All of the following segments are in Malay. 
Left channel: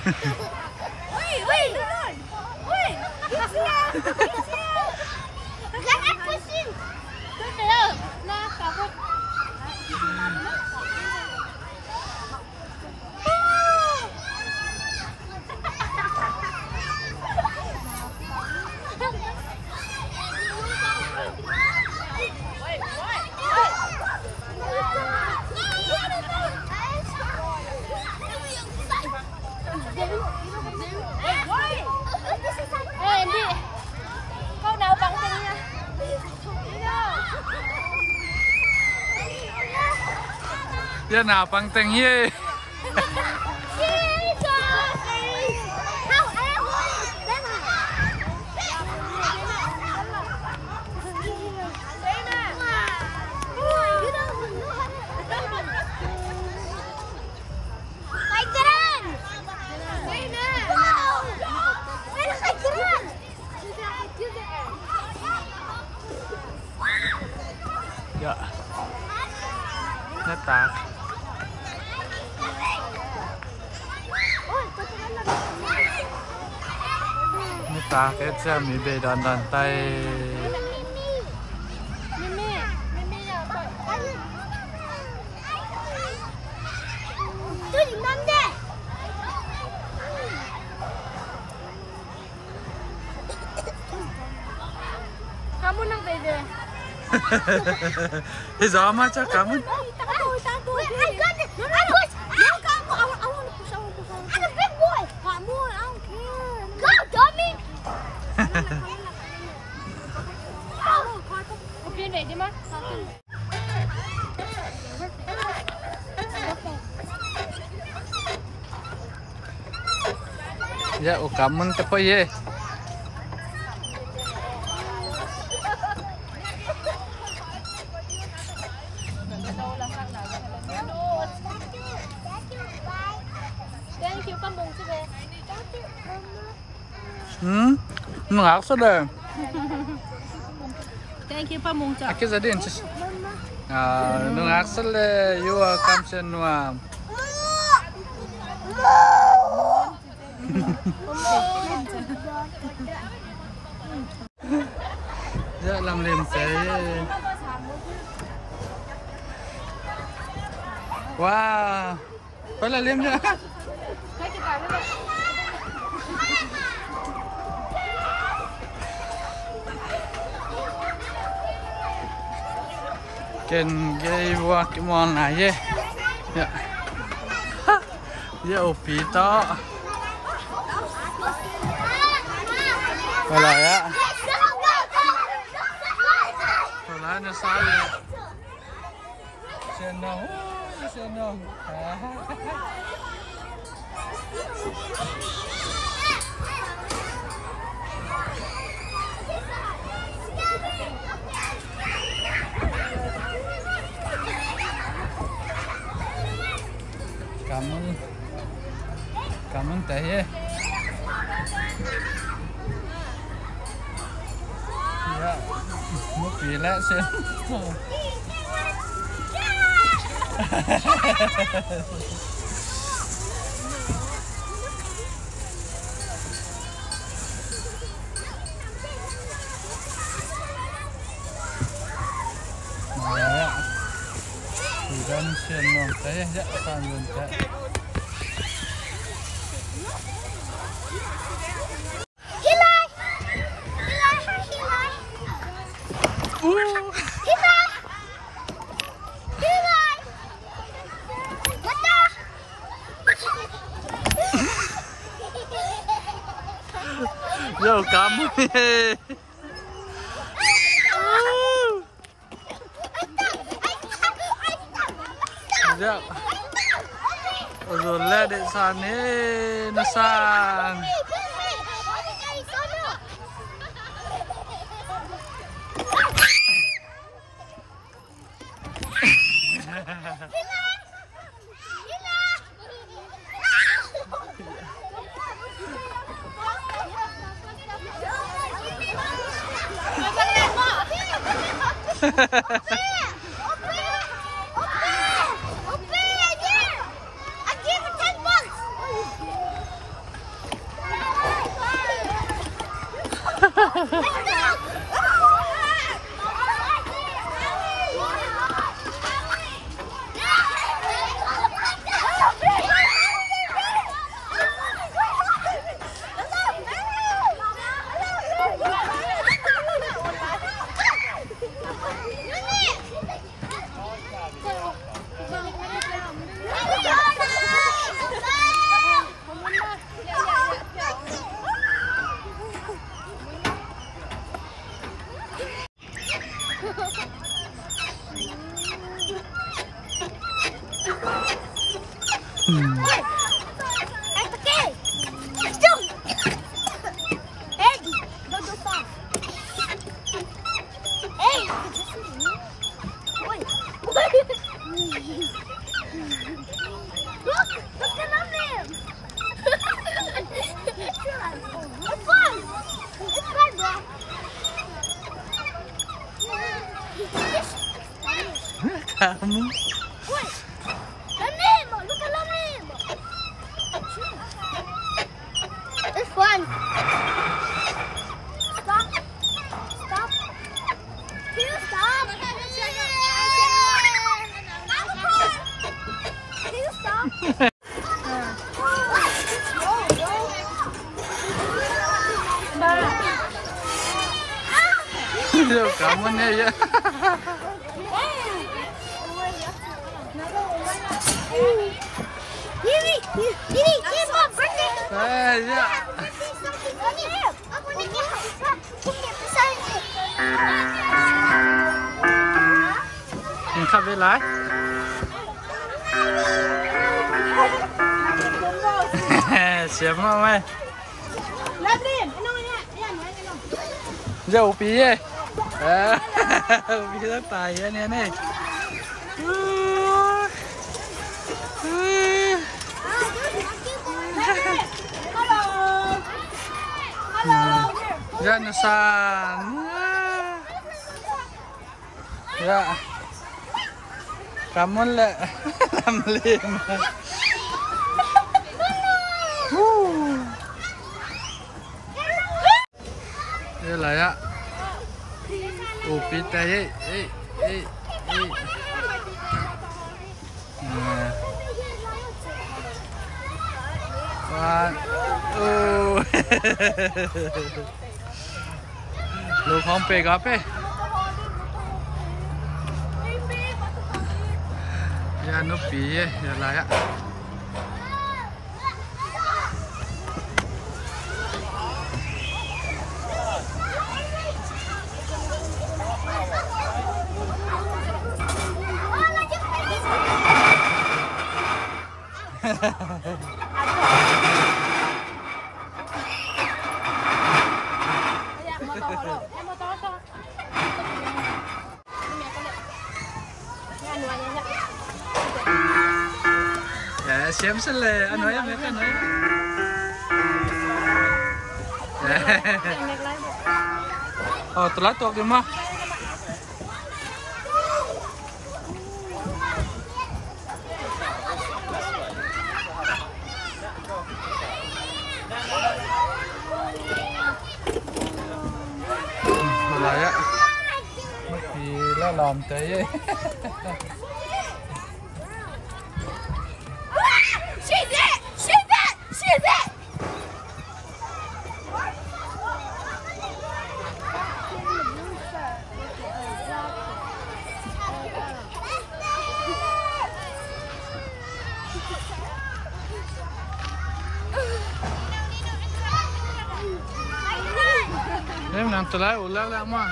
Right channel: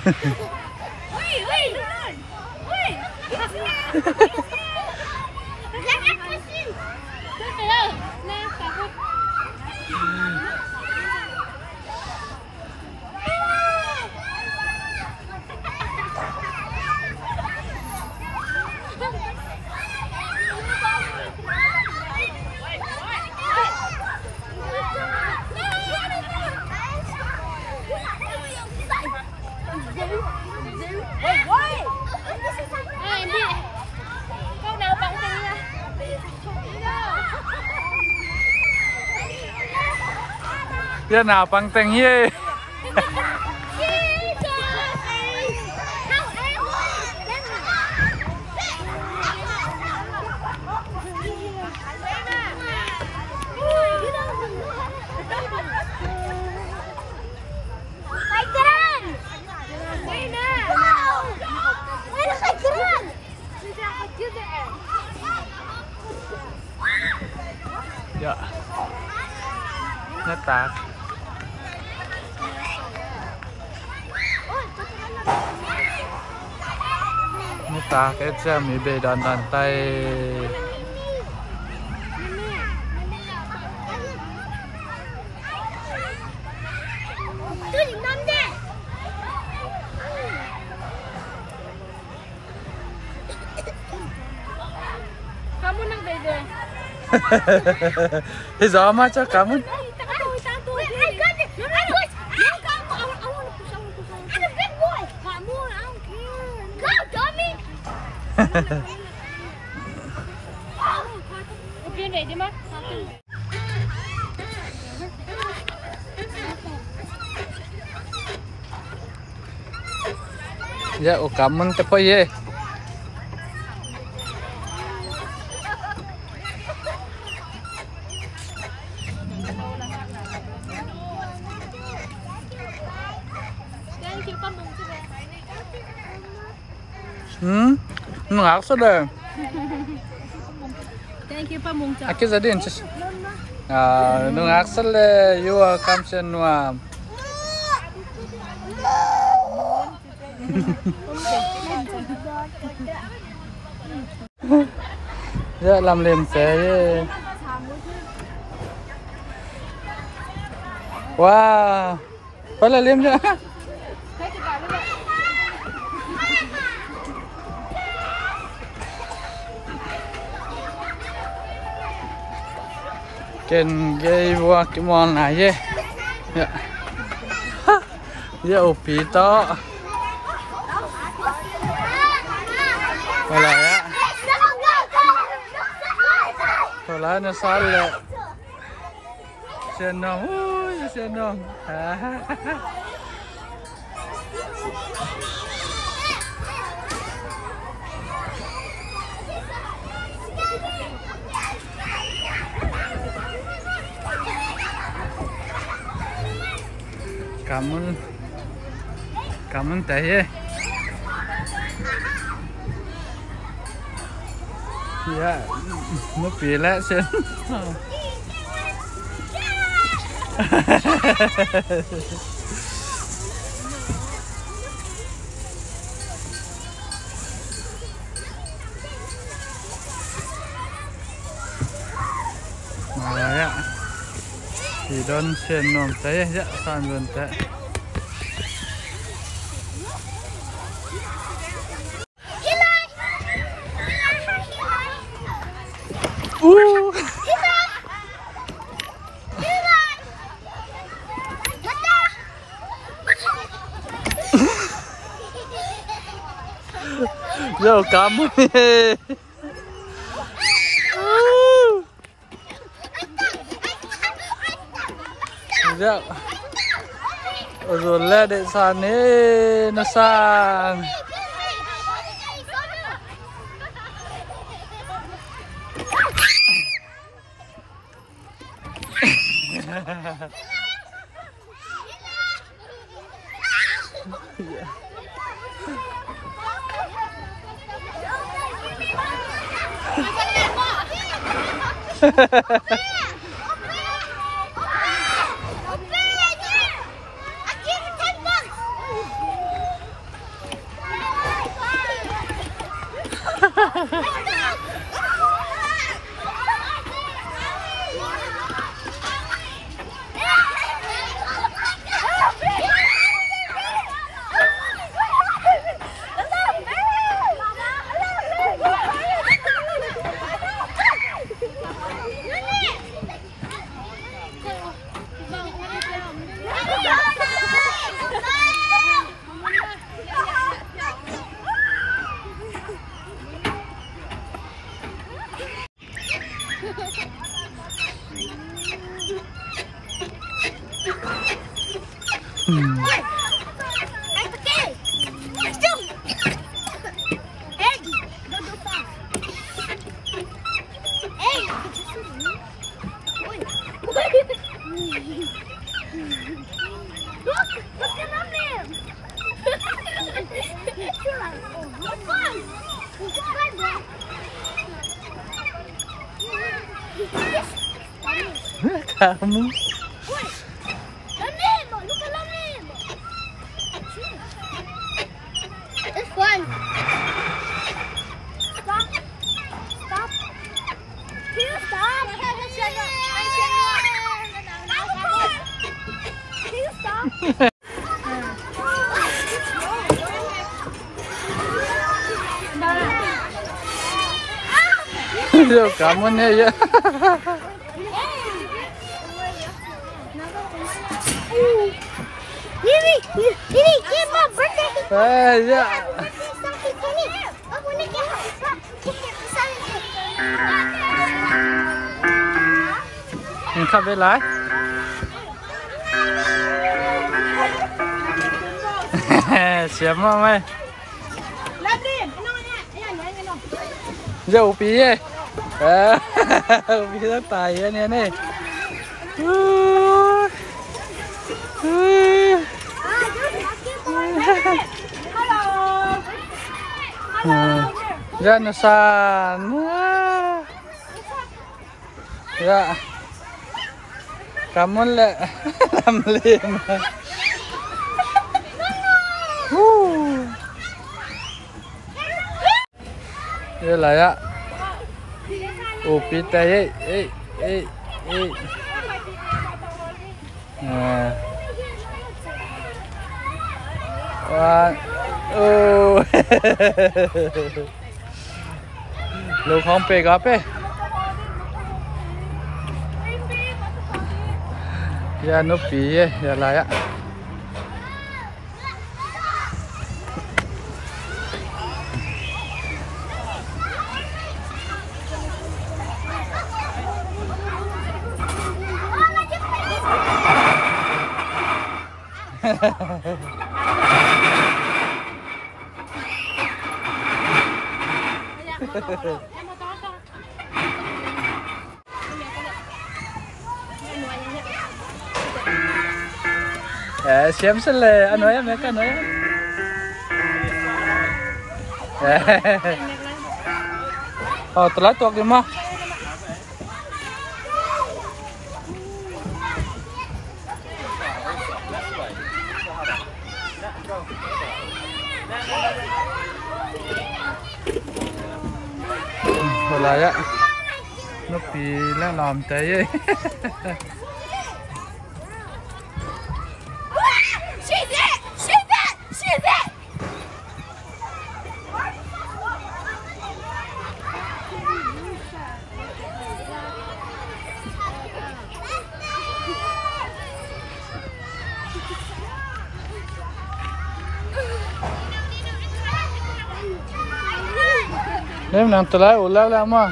Woi, woi, turun. Woi. Jangan pusing. Terus nah, takut. Kau nào bằng tình nha. Biết nào bằng tình nhé. Dạ. Nét tạc. Nét tạc cái xe mình bề đàn đàn tay. Kamu nang bebe. Bây giờ mà cho cảm ơn. Ya, cảm ơn cái gì? Nggak sudah. Thank you Pamung. Aki jadi nih. Nggak sudah. You come semua. Ya làm liềm thế. Wow. Phải là liềm chưa? Ken gay wa kimon này ye. Ya. Ya upi to. Wala ya. Wala na sal. Senong, senong. Cảm ơn tệ. Dạ, mất vì lẽ xem. Dạ, thì đơn xem nòng tệ, dạ, toàn vườn tệ. Yo, kamu nih. Ya. Rồi lên để sàn ấy, nó sàn. Kamu. This one. Stop. Stop. Can you stop? Can you stop? Yo, kamu nih ya. Ini, here's my birthday. Ya. Ini kabe lai. Siapa mai? Jauh piye? Upi dah tayar ni ni. Ya Nusan. Ya. Kamu le lamlim. Ya lah ya. Upi tayar.ลูกของเปกเป้ยานุปียาอะไรอะsiap sele, anu ya mereka anu ya. Oh telat waktu mah. Wala ya. Nupi la làm tay. Em làm từ lại ulah lah mah.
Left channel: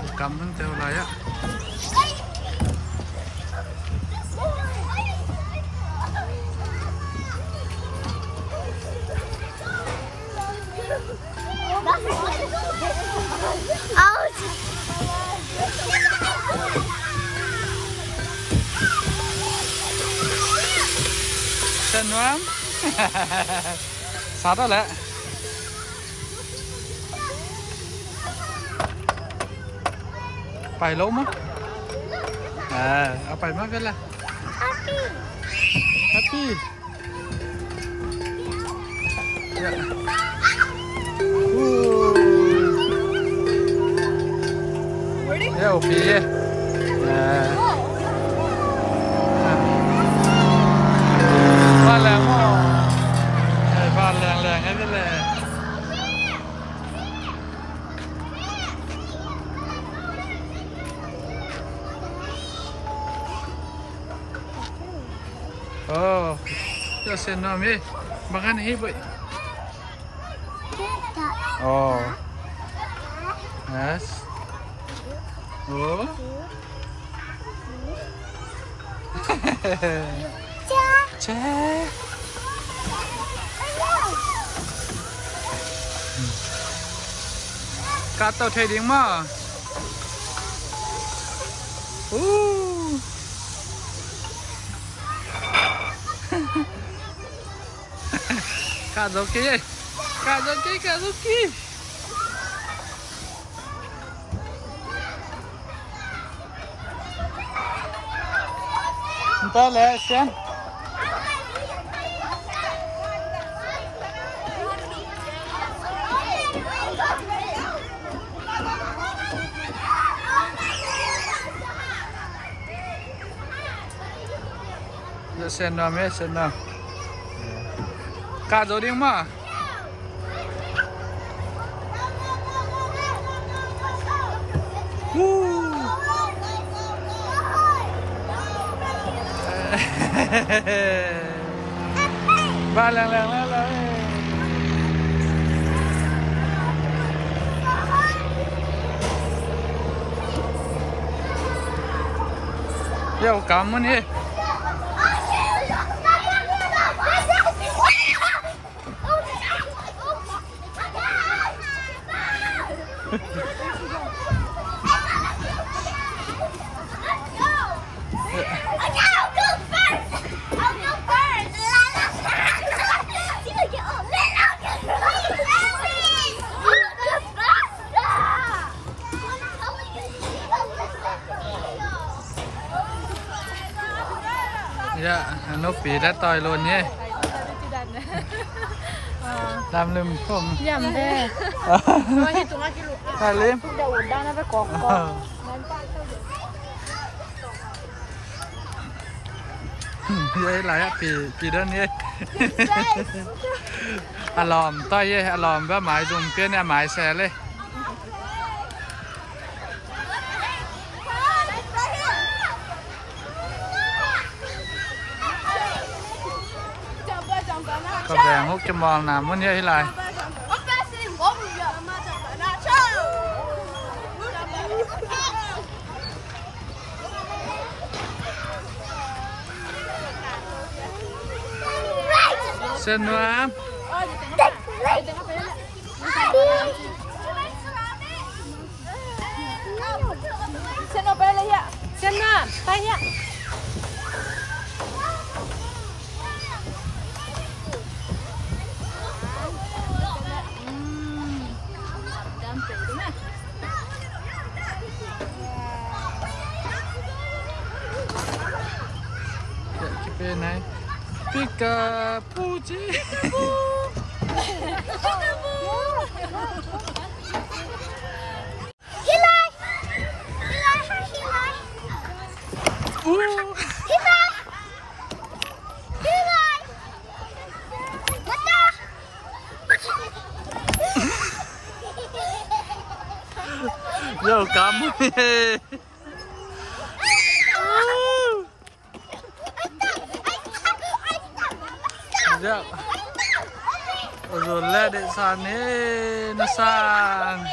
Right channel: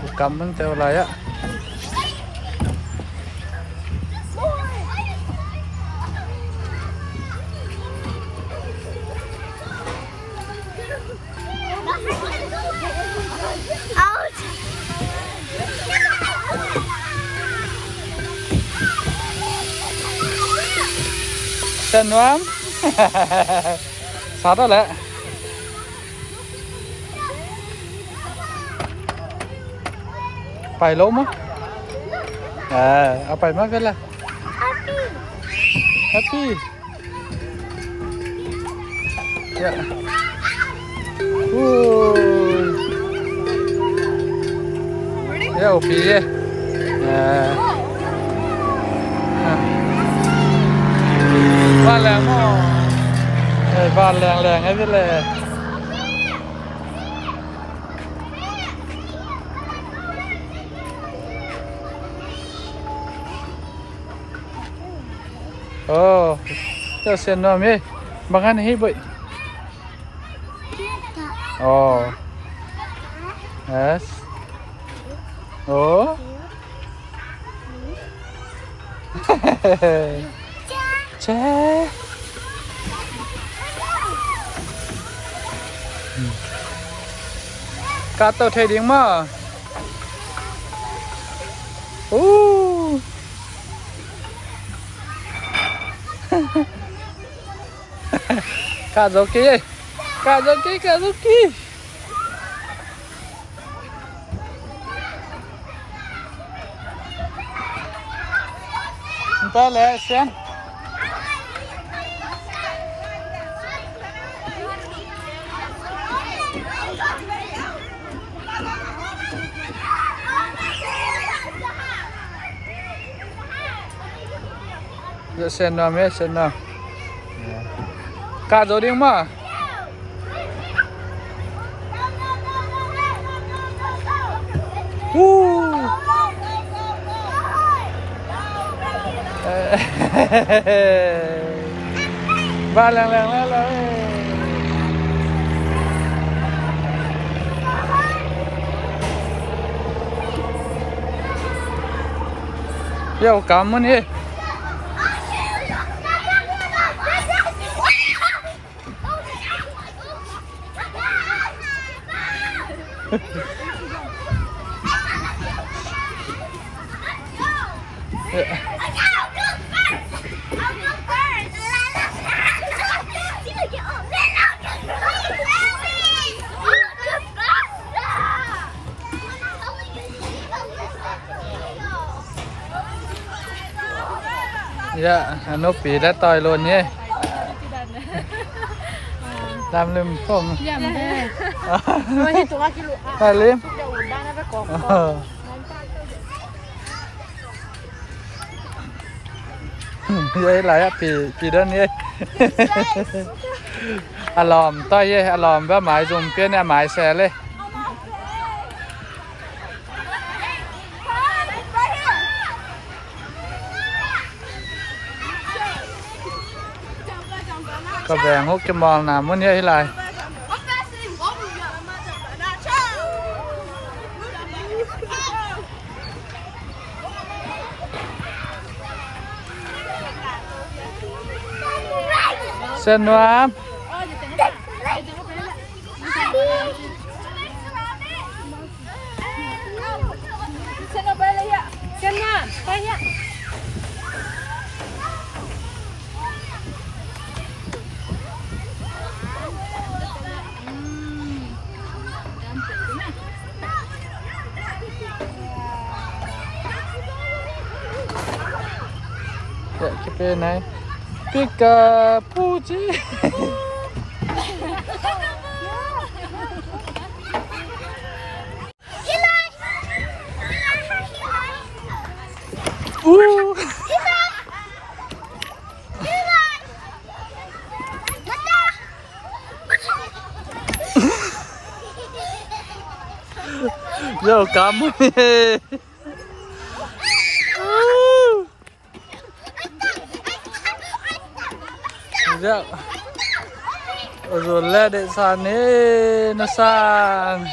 Bukan pun teu lah ya. Sen Wam. Sát rồi đấy. Phải lỗ mất. À, phải mất cái là. happy. Yeah. Yeah, okay. Yeah. Ba làng mò. Ba làng ấy biết là. Oh, cho xem nó mi, bằng anh hi vậy. Oh, yes. Oh. Cha. Cá tàu thấy tiếng mà. Kazuki, Kazuki, Kazuki. Entah lah, Sian. Sen nào mấy sen nào. Cá rồi đi mà. Ba lần Yo, cảm ơn đi. Dạ, nó bị đã tòi luôn nhé. Làm lùm không? Dầm thế. Phải liếm. Vậy lại bị đơn nhé. À lòm tay nhé, à lòm với máy dùng tiền là máy xe lên. Có vẻ hút cái mòn nào muốn như thế này. Sen nữa. Sen nào bay lên ạ. Sen nào, tay nhá. Ya, cái bên này Pikachu chứ. Yo, cảm ơn. Dạ. Rồi lên để sàn ấy nó sàn.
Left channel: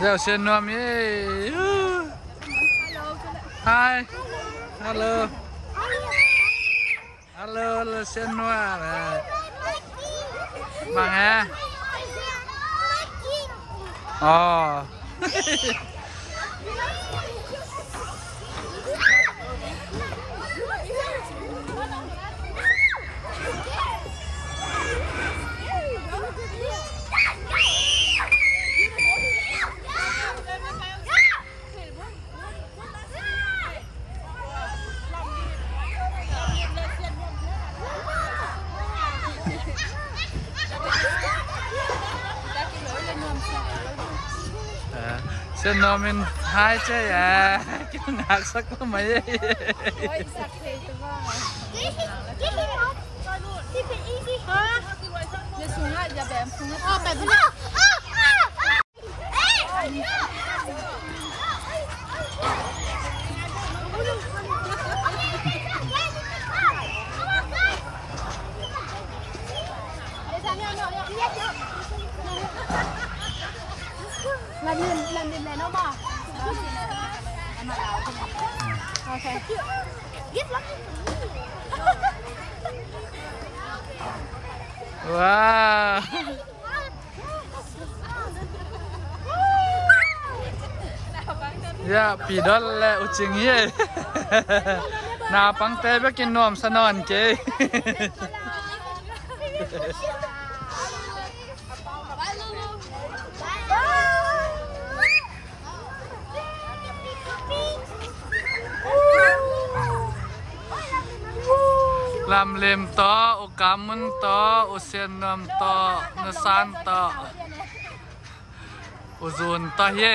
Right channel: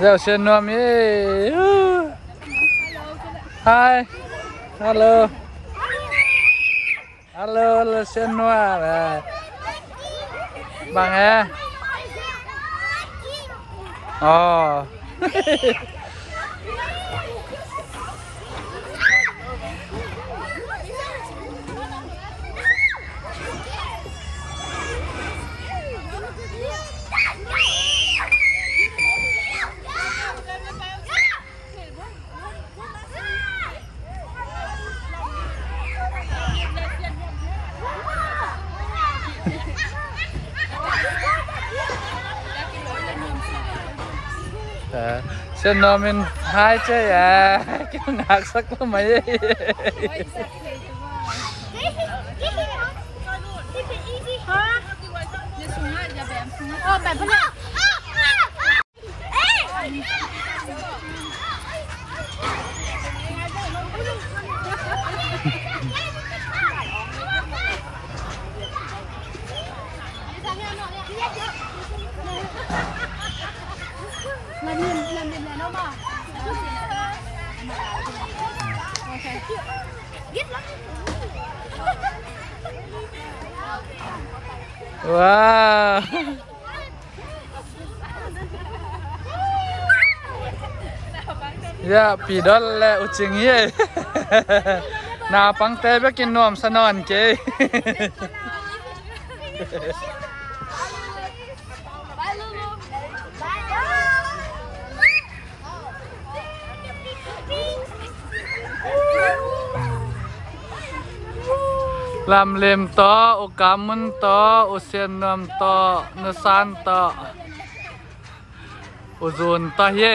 Giờ xem nom ấy. Hi. Hello. Hello, xem nom à. Bằng à. Ồ. Xem nó mình hai chơi à cái ngạc sắc lắm mấy làm này nó bỏ wow ya pi dol le uching ye na pang te be kin nom sanon ke làm lem to o kamun to o sen nam to na san to o zon ta ye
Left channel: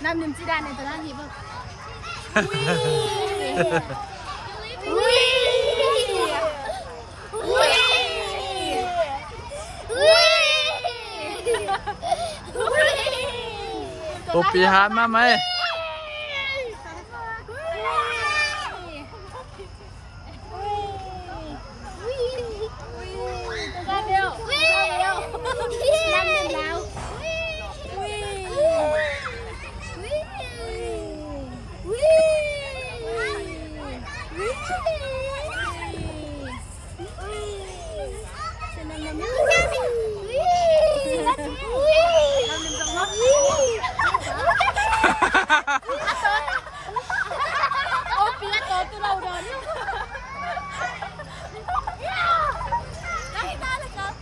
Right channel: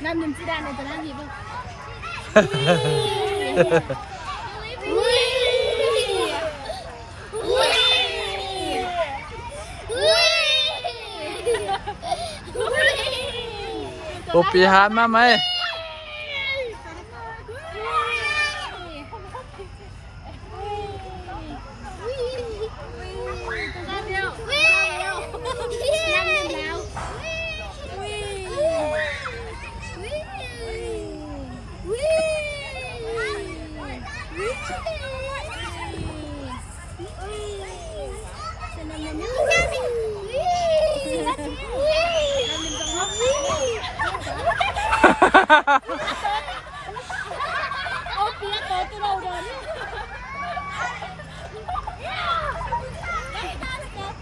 làm niềm chi đàn này tao làm gì không? Kopi hát mà mày Ôi phía tổ từ đầu đến luôn. Nó hiện ta được không?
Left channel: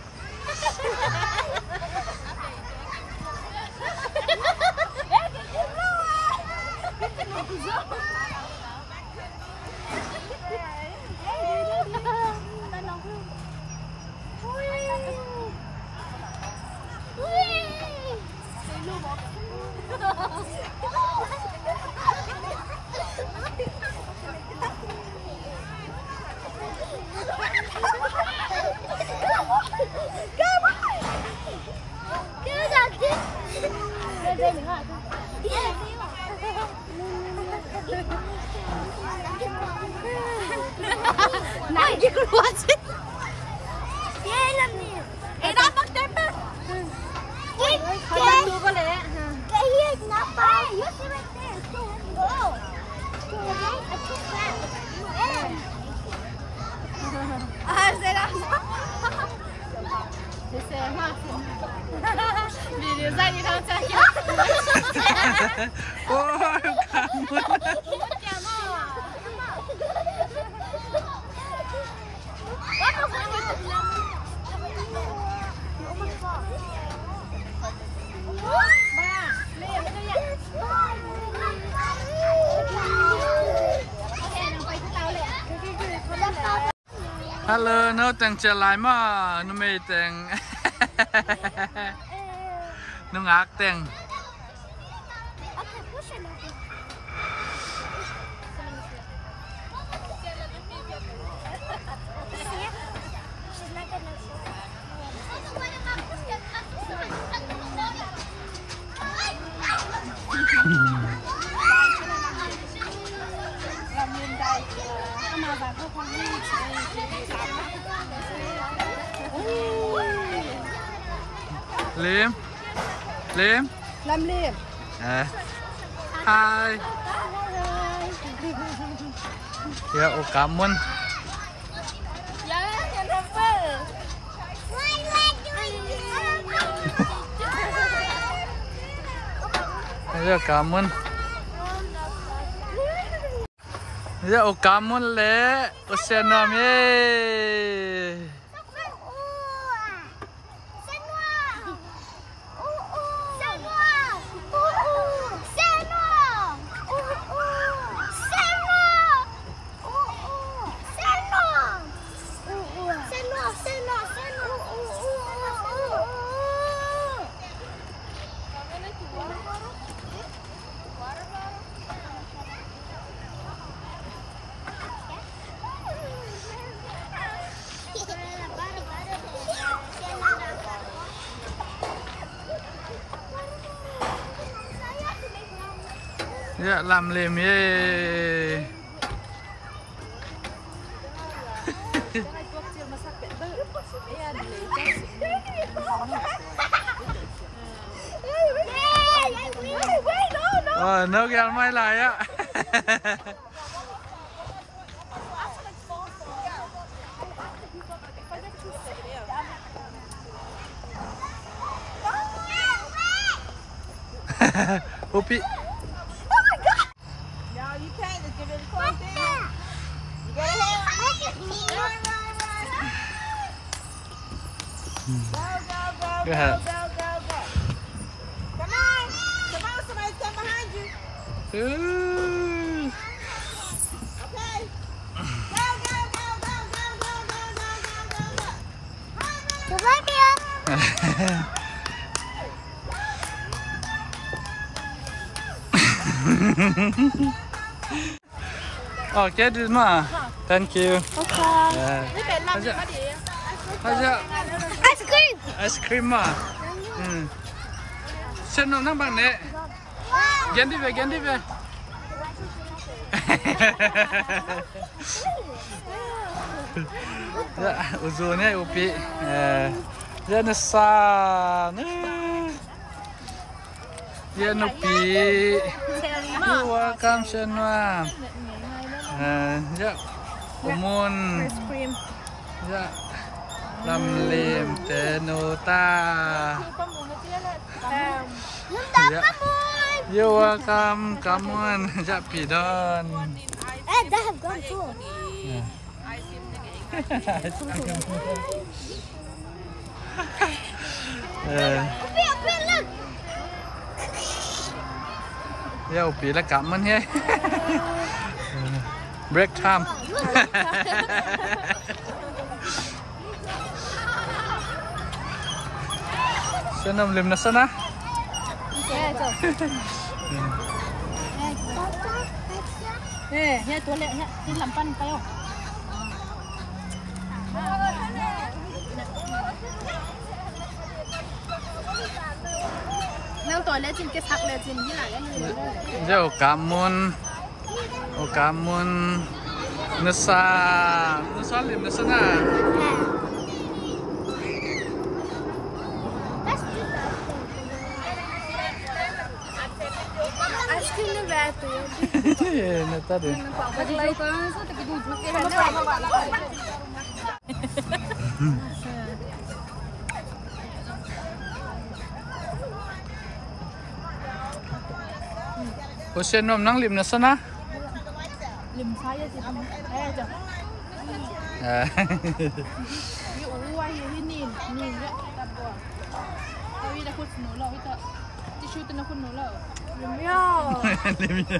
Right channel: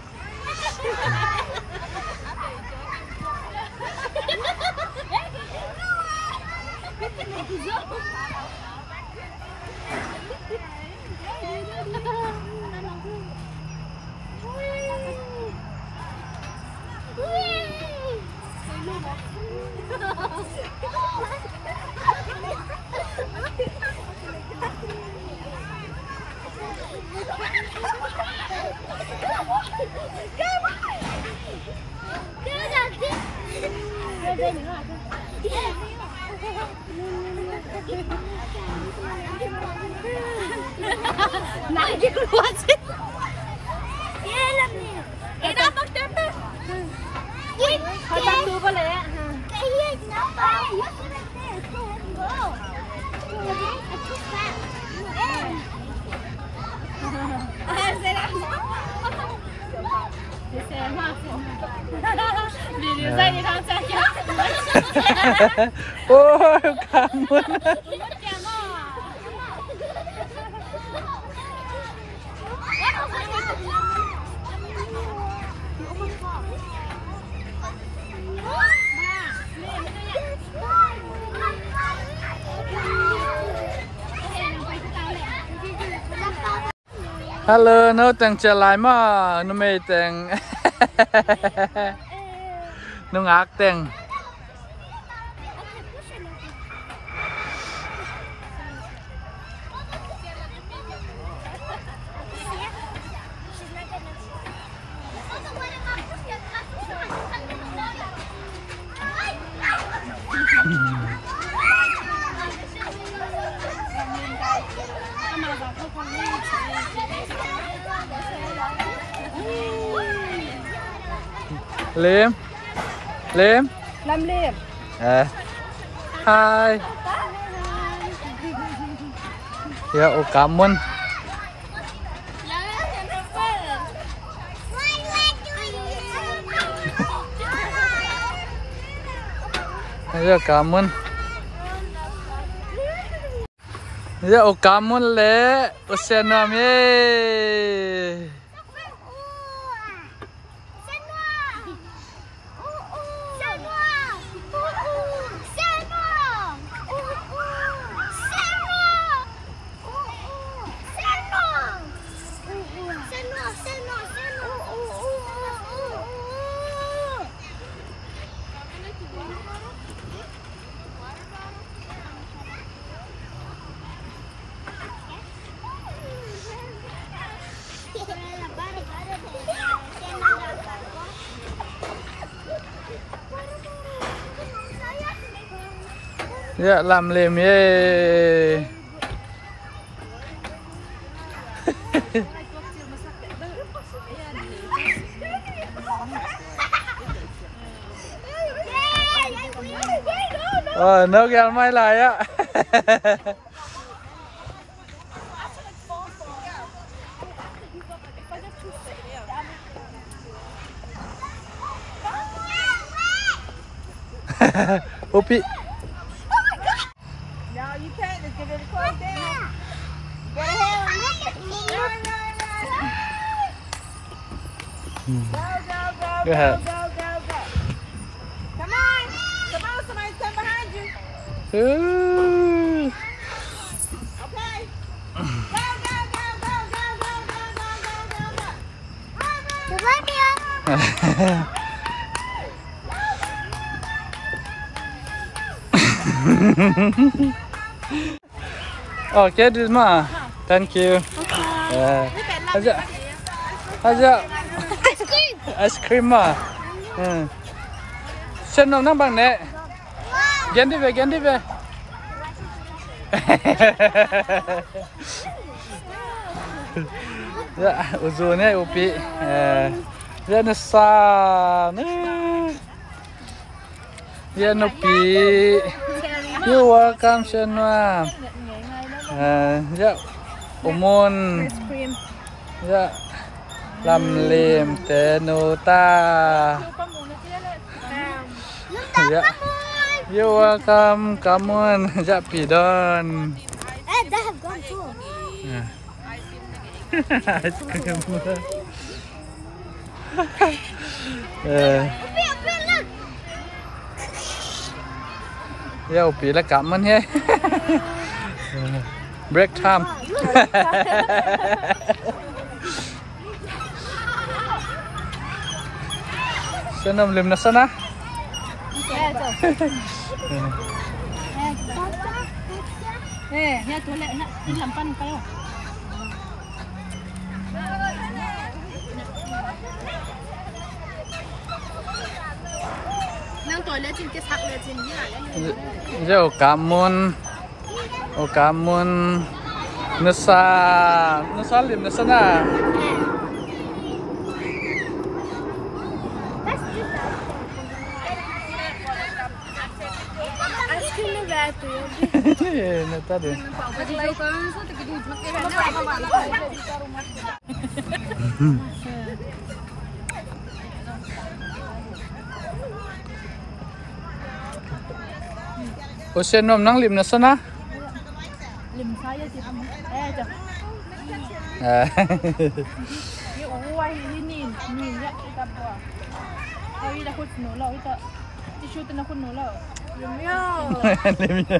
Này đi luôn chứ. Kia làm nè. Ê đó bắt chết á. Thôi bắt tôi có lẽ. Cái gì nó bay. Xe đó. Xe mà. Video dạy đi thằng cha kia. Ôi cảm ơn. Hello, nó đang trở lại mà nó mê đang nó ngạc đang Liêm Liêm Lâm Liêm Hi Ya, oh kamu Ya kamu Ya, oh kamu le Usenam ye Ya, làm liềm ye nước gel may lại á Upi Go ahead. Come on, somebody stand behind you. Ooh. Okay. Go, go, go, go, go, go, go, go, go, go, go. You love me? Okay, this ma. Thank you. Okay. Aja. Ice cream. Ice cream ma. Sen nom nang bang ne. Gen đi về. Ya, uzunnya Upi. Ya nesa. Ya Upi. You welcome semua. Ya umun. Ya làm liềm tenuta. Ya. You welcome, come on, ya pidon. Hey, they have gone too. Ice cream. Ya Upi là cảm ơn he. Break time. Senam lim na sana. Ya tuan lek, ini lampan kau. Nang tuan lek jin kesak lek jin ni lah. Ya Okamun nasa lim nasa na. Acho que não vai ter. Nata din. O sen nom nang lim nasa na. Lim saya sih kamu. Jom. Ni uai ni ya kita buat. Kau dah kut nol itu. Tisu tu nak kut nol. Limnya. Limnya.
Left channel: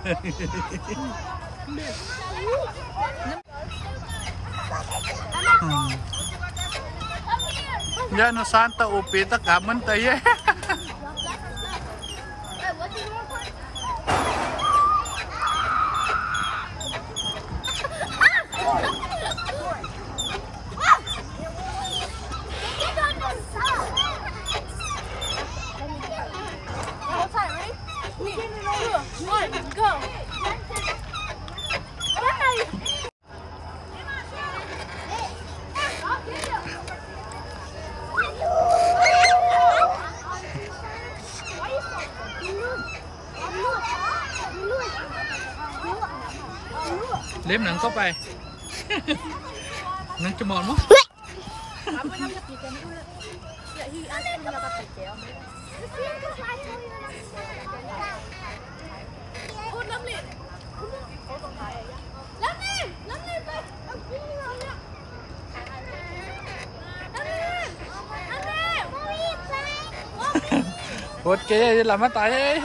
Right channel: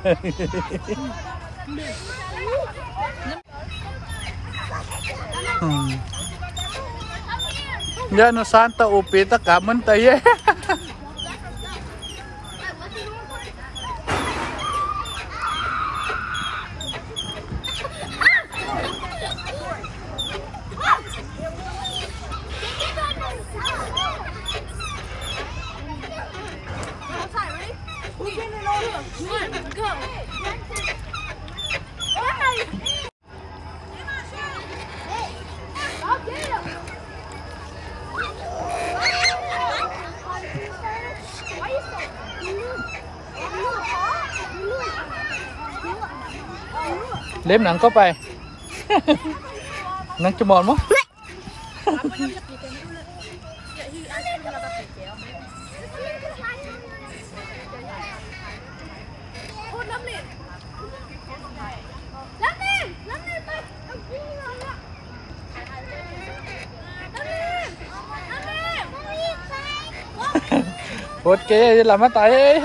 Ya no santa upi ta kaman taye. Lếm nặng có bài nặng cho mòn mất. Ok, làm mất tay.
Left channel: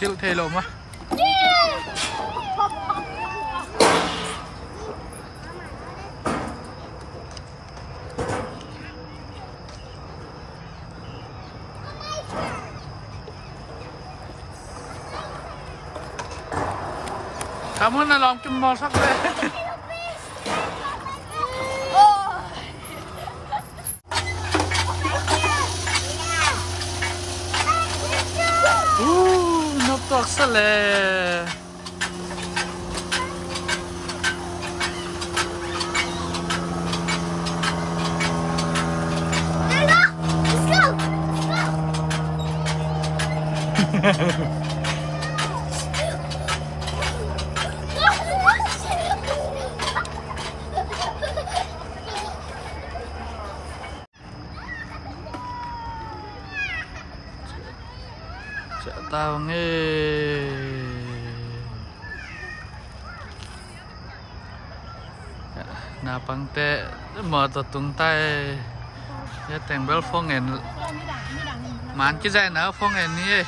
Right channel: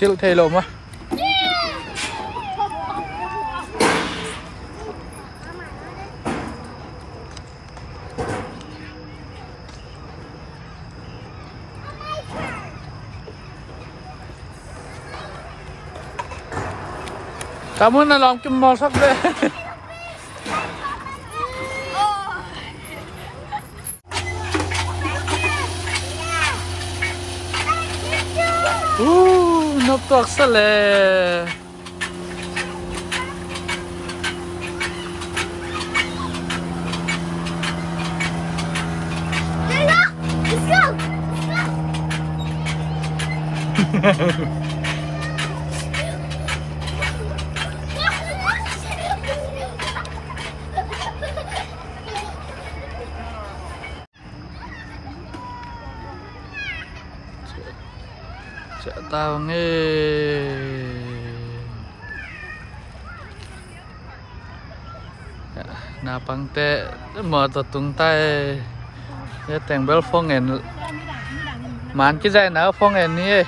Chịu thề lộn á. Cảm ơn là lòng kim màu sắc đây. Nó toạc sao lệ. Tao nghe na pang te mở tờ tung tay ya teng bel phong en man ki zai na phong en ni